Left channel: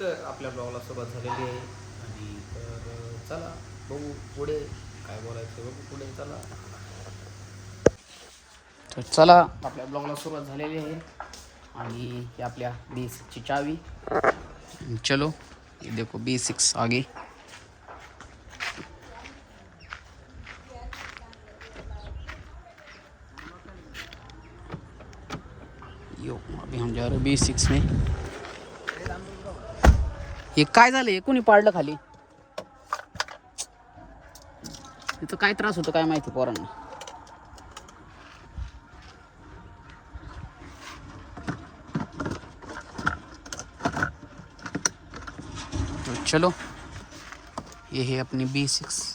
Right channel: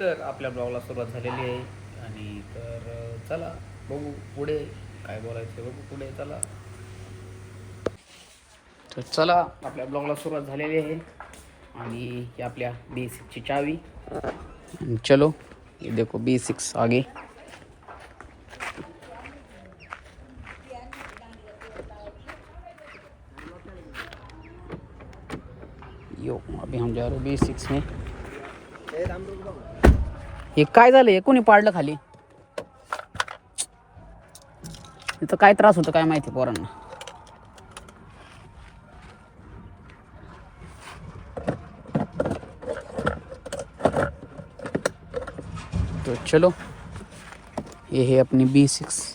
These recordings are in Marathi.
तर आपल्या ब्लॉगला सुरुवात झालेली आहे आणि तर चला बघू पुढे काय बोलायचं बघू पुढे चला. तर चला आपल्या ब्लॉगला सुरुवात झालेली आहे आणि ही आपल्या B6ची चावी. चलो ये देखो B6 आगे. यो अभी हम जा रहे B6 में. हे काय झालं हे कोणी पाडलं खाली इथं काय त्रास होतो काय माहिती पोरांना. तो चलो ये है अपनी B6.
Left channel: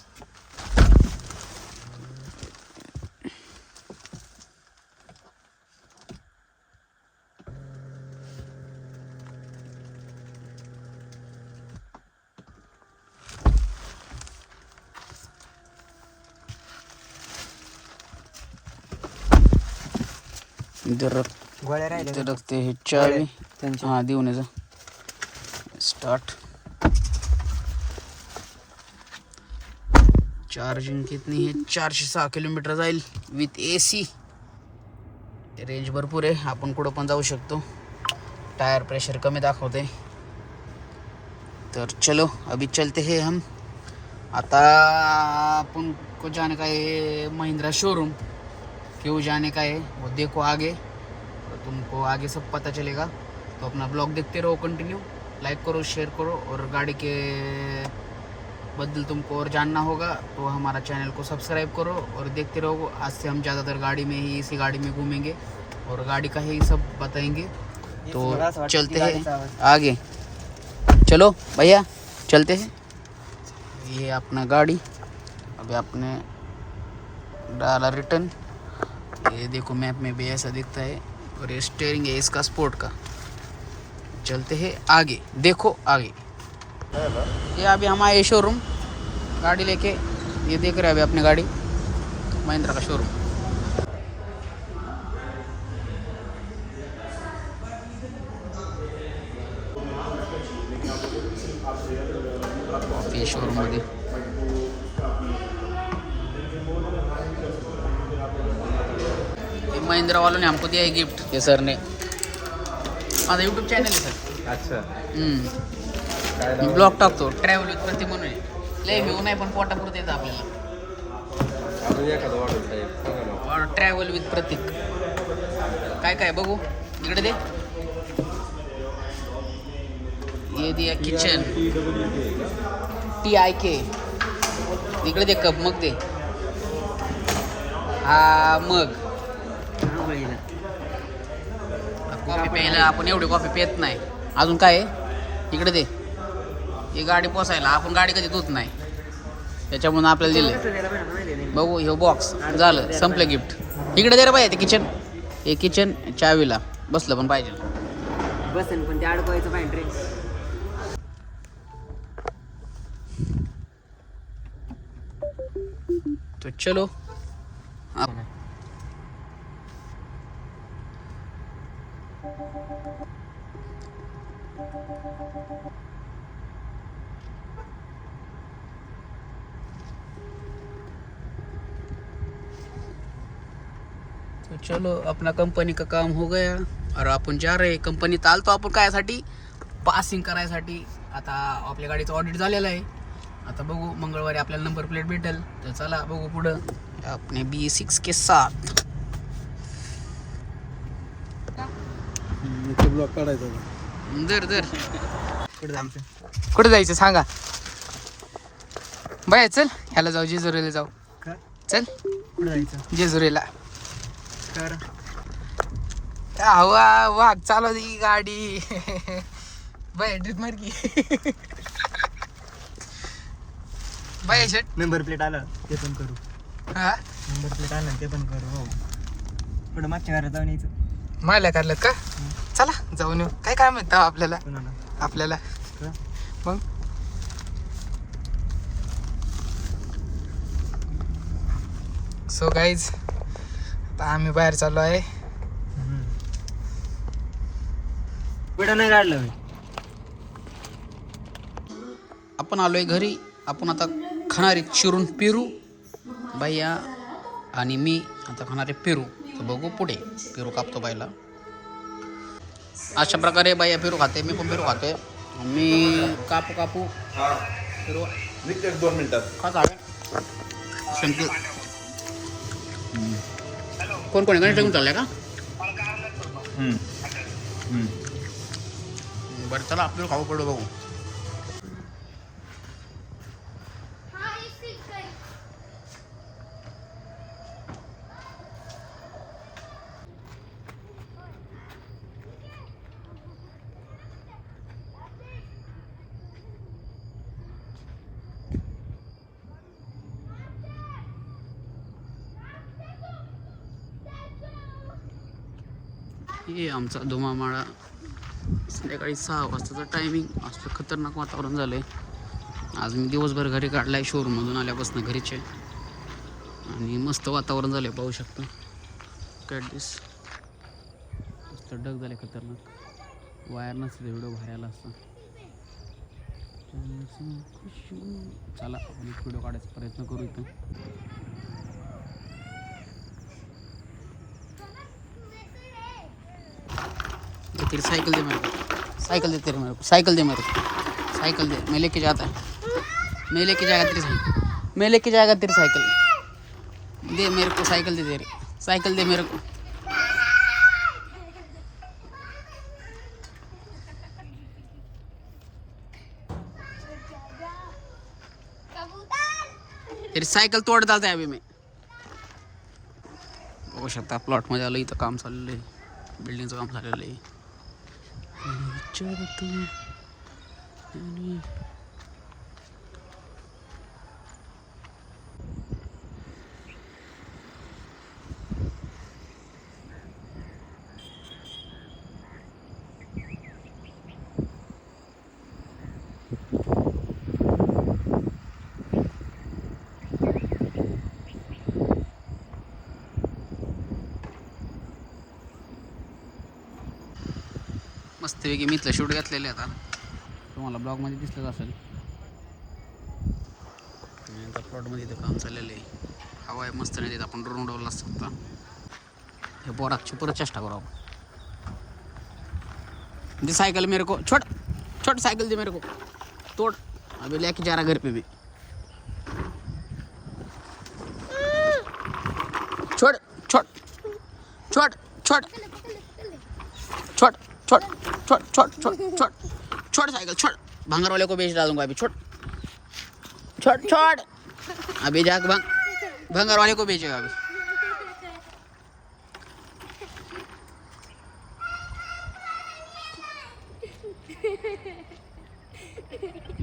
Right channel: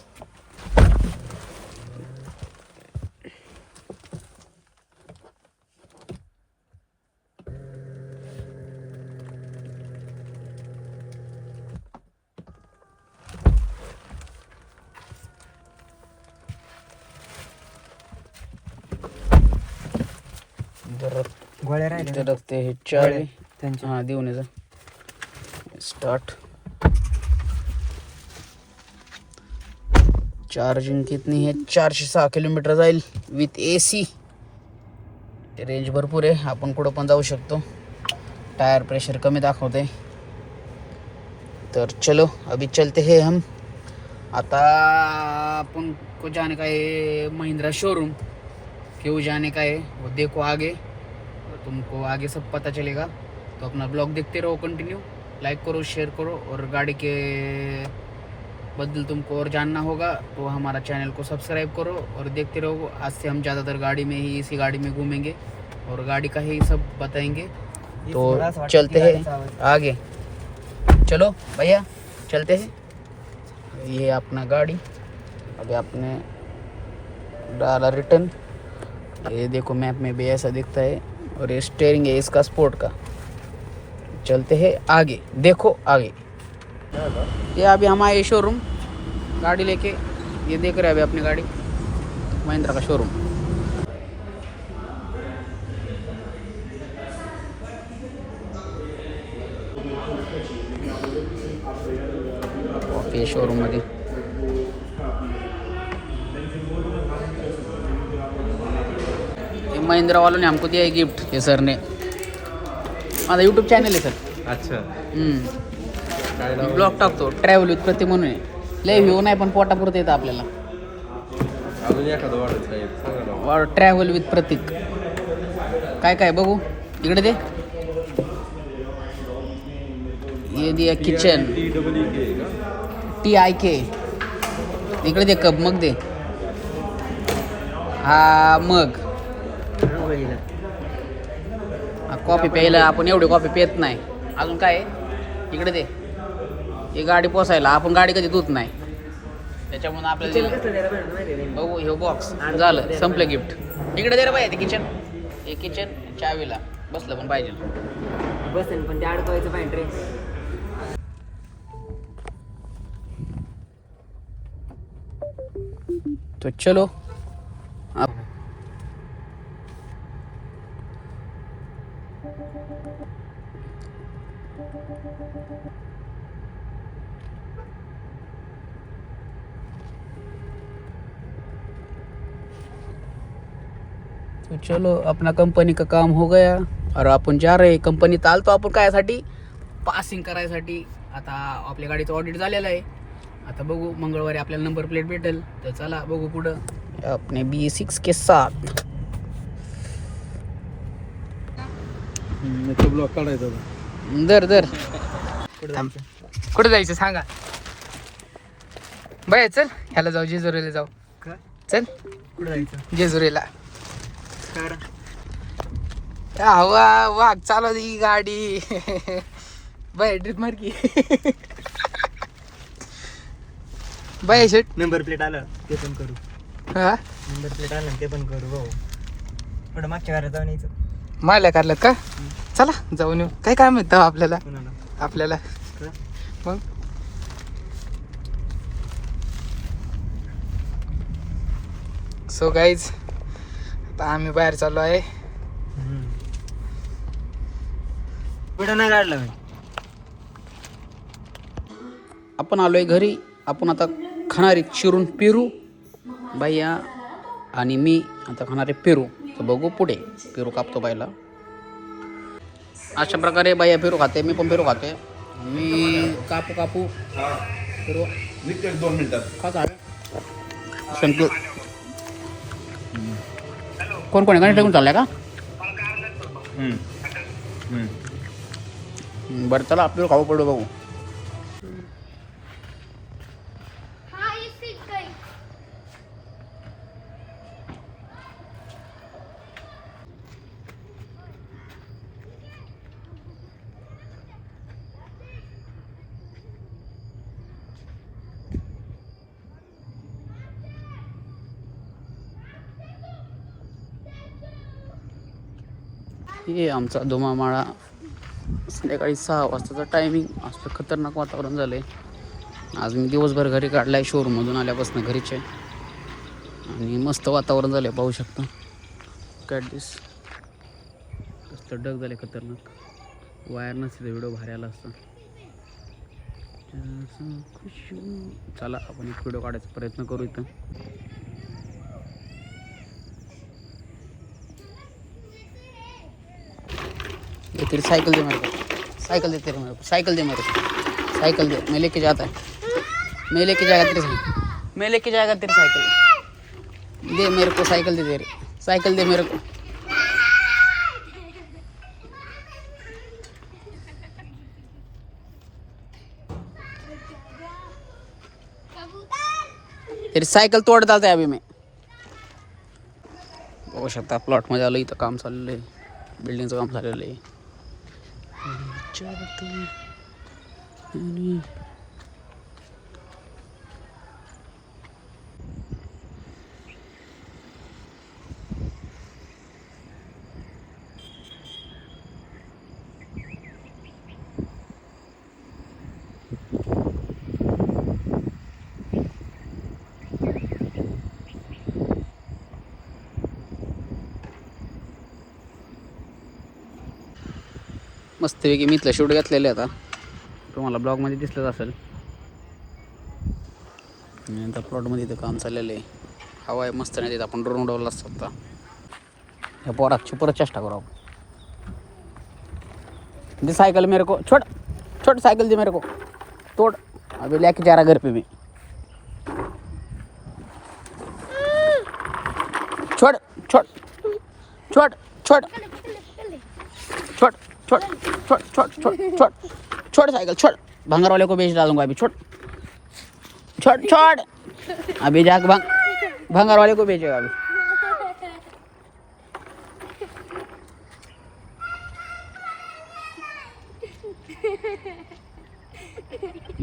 इधर रखते हैं चाबी. हाँ देऊन जा स्टार्ट. चार्जिंग कितनी है 406 किलोमीटर जाईल विथ AC. रेंज भरपूर आहे आपण कुठं पण जाऊ शकतो. टायर प्रेशर कमी दाखवते. तर चलो अभी चलते हैं हम. आता अपन को जाने का है महिंद्रा शोरूम. क्यों जाने का है वो देखो आगे तो तुमको आगे सब पता चलेगा. तो अपना ब्लॉग देखते रहो कंटिन्यू. लाइक करो शेयर करो और गाड़ी के बदल तुमको और जानना होगा तो हमारा चैनल को सब्सक्राइब करो और देखते रहो. आज से हम ज़्यादातर गाड़ी में ही इसी गाड़ी में घूमेंगे और गाड़ी का ही सब बताएंगे. तो चलते हैं आगे. चलो भैया चलते हैं. ये अपना गाड़ी अभी आपने डाला रिटर्न. ये देखो मैप में भी ऐसा दिखता है और ये स्टीयरिंग है इसका स्पोर्ट का. चलते हैं आगे देखो आगे. ये अभी हम आए शोरूम गाड़ी लेके. ये देख रहे हैं अभी अपनी गाड़ी महिंद्रा का शोरूम. ऑफिस शोरूम मध्ये महिंद्रा वालों ने हमको दिया है गिफ्ट. सर ने माझा यूट्यूब चॅनल आहे सर. अच्छा. ब्लॉग टाकतो ट्रॅव्हल विथ प्रतीक म्हणून आहे. लय व्ह्यू नाही पण पोटापुरतं येतं आपल्याला. ट्रॅव्हल विथ प्रतीक काय काय बघू इकडे दे. हे दे किचन TIK. इकडे दे कप मग दे. हा मग कॉफी प्यायला आपण एवढी कॉफी पित नाही. अजून काय आहे इकडे दे. ही गाडी पोसायला आपण गाडी कधी धुत नाही त्याच्यामुळे आपल्याला दिले. बघू हे बॉक्स झालं संपलं गिफ्ट. इकडे दे रे बाई ते किचन. हे किचन चावीला बसलं पण पाहिजे. बसेल पण ते अडकवायचं पाहिजे रे. तो चलो आप तो चलो अपना कंपनी का काम हो गया और आपण जा रहे कंपनी. आलतो आपण कायसाठी पासिंग करायसाठी. आता आपल्या गाडीचं ऑडिट झालेलं आहे. आता बघू मंगळवारी आपल्याला नंबर प्लेट भेटेल. तर चला बघू पुढं अपने B6 के साथ. ब्लॉक काढायचा. दर कुठे जायचं सांगा बाय. चल ह्याला जाऊ जेजुरीला जाऊ. चल कुठे जायचं जेजुरीला. हवा वाघ चालव ही गाडी. बाय ट्रिप मार की. बाय शेट नंबर प्लेट आलं ते पण करू. हा नंबर प्लेट आलं ते पण करू. हो थोडं मागच्या घरात जाऊन यायचं. मारल्या कारलं का. चला जाऊन येऊ. काय काम येतं आपल्याला आपल्याला मग. सो गाईज आता आम्ही बाहेर चाललो आहे. व्हिडिओ नाही काढला मी. आपण आलोय घरी. आपण आता खाणारे चिरून पेरू. बाया आणि मी आता खाणारे पेरू. तर बघू पुढे. पेरू कापतो बायला. अशा प्रकारे बाया पेरू खाते. मी पण पेरू खाते. मी कापू पेरू 2 मिनिटात. का झालं संपू. कोण कोण आहे? चाललाय का? बरं चला आपल्याला खाऊ पडलो बघू. हे आमचा धुमामाळा. संध्याकाळी 6 वाजताचा टायमिंग. असलं खतरनाक वातावरण झालं आहे. आज मी दिवसभर घरी काढला आहे शोरूममधून आल्यापासून घरीचे. आणि मस्त वातावरण झालं आहे पाहू शकता. कॅडीस मस्त डग झाले खतरनाक. वायर नसते व्हिडिओ भारी आला असता. चला आपण एक व्हिडिओ काढायचा प्रयत्न करू इथं. तेरी साइकिल दे मेरे को. साइकिल दे तेरे मेरे को. साइकिल दे मेरे को. साइकिल दे. मैं लेके जाता है. मैं लेके जाएगा तेरी साइकिल. मैं लेके जाएगा तेरी साइकिल. दे मेरे को साइकिल दे तेरी. साइकिल दे मेरे को. तेरी सायकल तोड डालते अभी मैं. बघू शकता प्लॉटमध्ये आलं. इथं काम चाललेलं आहे. बिल्डिंगचं काम झालेलं आहे. मस्तपैकी मी इथलं शूट घेतलेलं आहे. आता तुम्हाला ब्लॉगमध्ये दिसलंच असेल. नंतर प्लॉटमध्ये इथं काम चाललेलं आहे. हवा आहे मस्त. नाही तिथं आपण ड्रोन उडवला असतो. आता ह्या पोराची परत चेष्टा करू आपण. दे साइकिल मेरे को. छोड़ छोड़ साइकिल दे मेरे को. तोड़. अभी लेके जा रहा घर पे मैं. छोड़ छोड़ छोड़ छोड़ छोड़ छोड़ छोड़ छोड़ छोड़ छोड़ छोड़ साइकिल छोड़. भंगार वाले को बेच डालूंगा अभी. छोड़ छोड़ छोड़. अभी जाके भंगार वाले को बेचेगा अभी.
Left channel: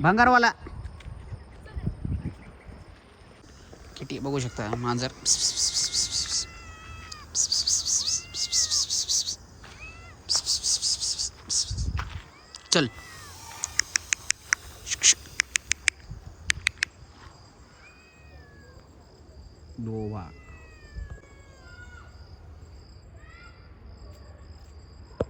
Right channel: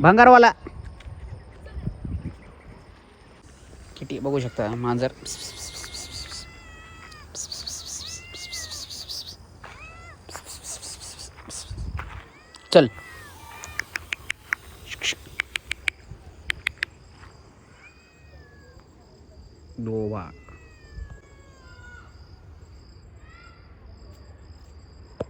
भंगार वाला किती बघू शकता. मांजर चल. दोबा